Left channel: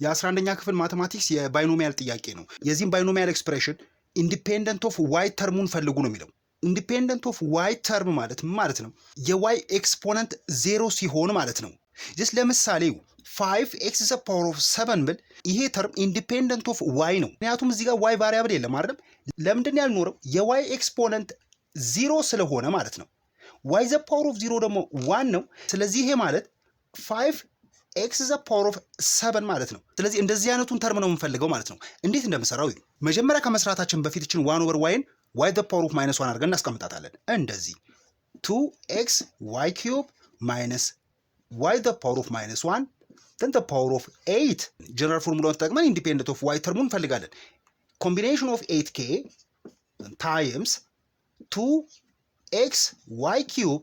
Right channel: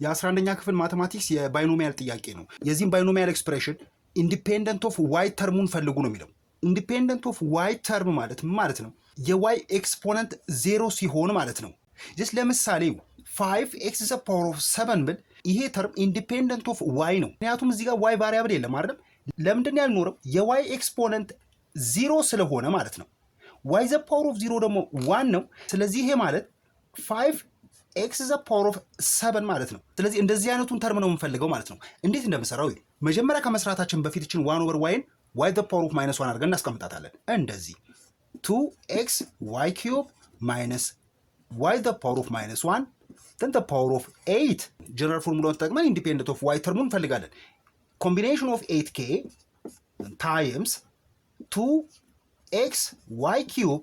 የ11ኛ ክፍል ማቴማቲክስ የባይኖሚያል ጥያቄ ነው። የዚህም ባይኖሚያል ኤክስፕሬሽን ኢንዲፔንደንት ኦፍ ዋይ ተርሙን ፈልጉ ነው የሚለው። ኢንዲፔንደንት ኦፍ ዋይ ተርም ማለት ምን ማለት ነው? የዋይ ኤክስፖነንት 0 ሲሆን ማለት ነው። ጀስት ለምሳሌ 5x ዘ ፓወር ኦፍ 7 ብል ይሄ ተርም ኢንዲፔንደንት ኦፍ ዋይ ነው። ምክንያቱም እዚህ ጋር ዋይ ቫሪያብል የለም አይደል? ለምንድን ነው ያልኖረው? የዋይ ኤክስፖነንት 0 ስለሆነ ማለት ነው። ዋይ ዘ ፓወር ኦፍ 0 ደግሞ 1 ነው። ስለዚህ ይሄ ማለት 5x ዘ ፓወር ኦፍ 7 ማለት ነው። ስለዚህ እንደዚህ አይነቱን ተርም ነው የምንፈልገው ማለት ነው። እንዴት እንደምሰራው መጀመሪያ ከመስራታችን በፊት እችን 1 ኦቨር ዋይን ዋይ ዘ ፓወር ኦፍ -1 አድርገን እናስቀምጣታለን። እንደዚህ 2x y cube minus y the power of -1 then the power of 8 ጀነራል ፎርሙላውን ተጠቅመን ኢንዲፔንደንት ኦፍ ዋይ ተርሙን እንፈልጋለን። ኮምቢኔሽን ኦፍ 8k times 2x y cube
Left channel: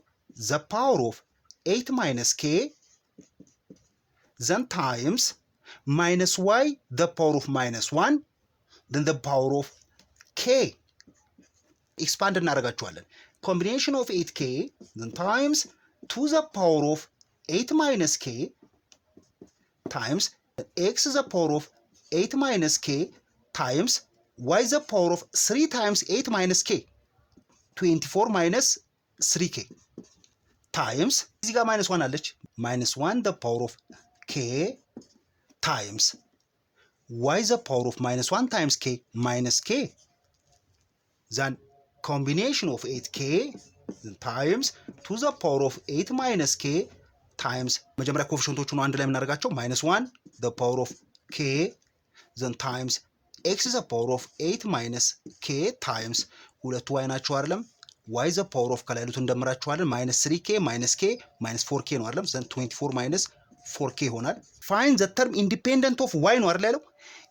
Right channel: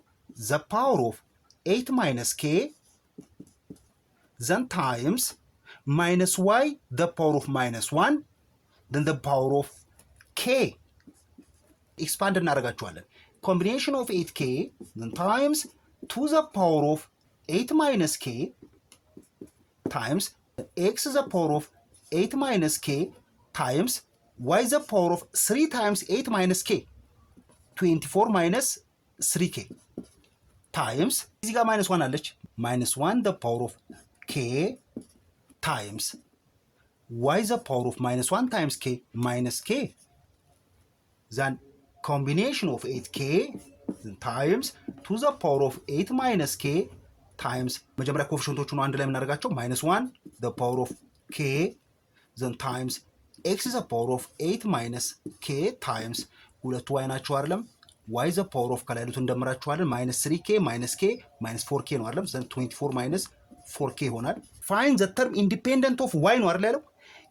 the power of 8 minus k then times minus y the power of -1 then the power of k ኤክስፓንድ እናደርጋቸዋለን። ኮምቢኔሽን ኦፍ 8k then times 2 the power of 8 minus k times x the power of 8 minus k times y the power of 3 times 8 minus k 24 minus 3k times እዚህ ጋር -1 አለች -1 the power of k times y the power of -1 times k minus k then combination of 8k times 2 the power of 8 minus k times መጀመሪያ ኮኤፊሽንቶቹን አንድ ላይ የምናደርጋቸው -1 the power of k then times x the power of 8 minus k times ሁለቱ y ናቸው አይደለም y the power of ከላይ ያሉት እንደምራቸዋለን -3k -k -4k ነው አይደለም then 24 minus 4k ይሆናል። find the term independent of y ነው አይደል ያለው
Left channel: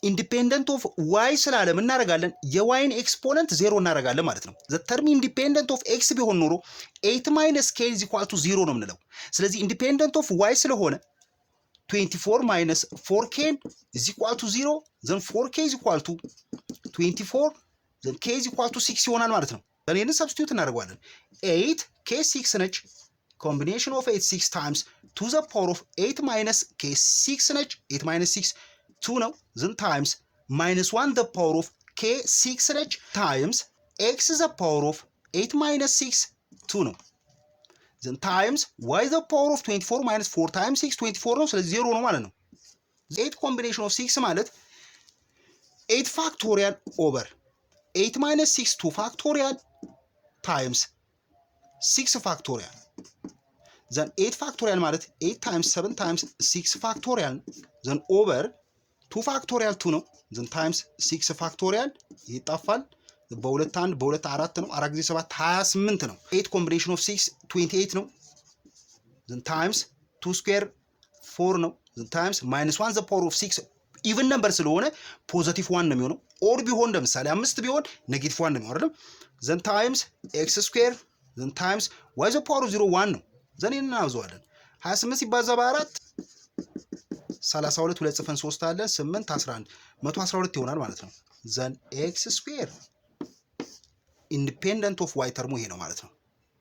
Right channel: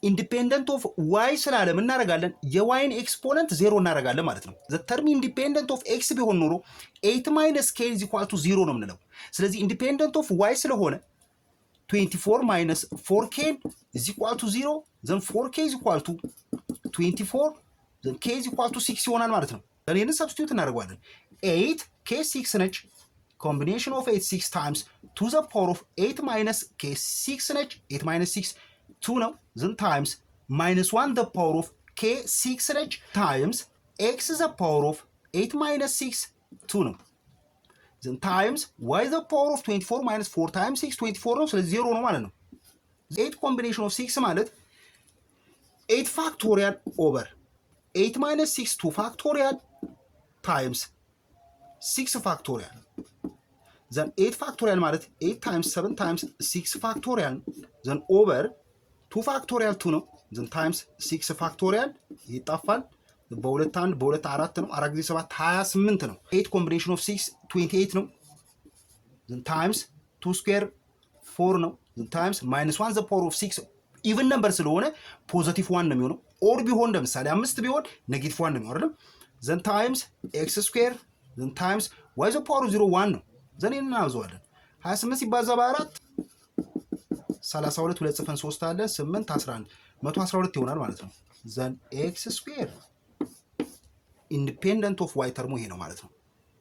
ኢንዲፔንደንት ኦፍ ዋይ ስላለ ምን እናደርጋለን? የዋይን ኤክስፖነንት 0 እናደርጋለን ማለት ነው። ዘ ተርም ኢንዲፔንደንት ኦፍ ኤክስ ቢሆን ኖሮ 8 ማይነስ ኬ ኢዝ ኢኳል ቱ 0 ነው የምንለው። ስለዚህ ኢንዲፔንደንት ኦፍ ዋይ ስለሆነ 24 ማይነስ 4k ኢዝ ኢኳል ቱ 0 ዘን 4k ኢዝ ኢኳል ቱ 24 ዘን k ኢዝ ኢኳል ቱ 6 ይሆናል ማለት ነው። ለኔን ሰብስቲዩት እናደርጋለን። 8 k 6 ነች። ኮምቢኔሽን ኦፍ 8 6 ታይምስ 2 ዘ ፓወር ኦፍ 8 ማይነስ k 6 ነች። 8 ማይነስ 6 2 ነው then times -1 the power of k 6 ነች times x the power of 8 minus 6 2 ነው then times y the power of 24 minus 4 times 6 24 ነው ስለዚህ 0 ነው ማለት ነው። 8 combination of 6 ማለት 8 factorial over 8 minus 6 2 factorial times 6 factorial then 8 factorial ማለት 8 times 7 times 6 factorial then over 2 ፋክቶሪያል 2 ነው then times 6 ፋክቶሪያል ይጣፋል በሁለት 1 በሁለት 4 ነው 4 ጊዜ 7 28 ነው 8 ኮምቢኔሽን ኦፍ 6 28 ነው then times 2 ስኩዌር 4 ነው then times -1 the power of 6 ኢቭን ነምበር ስለሆነ ፖዚቲቭ 1 ነው የሚሆነው ኦር ቢሆን ለምሳሌ 5 ቢሆን ኔጌቲቭ 1 ነው የሚሆነው then times x ስኩዌር then times y the power of 0 1 ነው then እናውዘዋለን 28 ሲባዛ በ4 32 2 ጽፈን 3 አለ 8 11 112 ይሆናል ማለት ነው። ዘን ኤክስ ስኩዌር ኢንዲፔንደንት ኦፍ ዋይ ተርሙ ይሄ ነው ማለት ነው።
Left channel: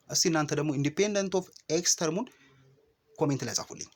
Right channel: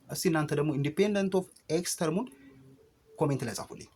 እስቲ እናንተ ደግሞ ኢንዲፔንደንት ኦፍ ኤክስ ተርሙን ኮሜንት ላይ ጻፉልኝ።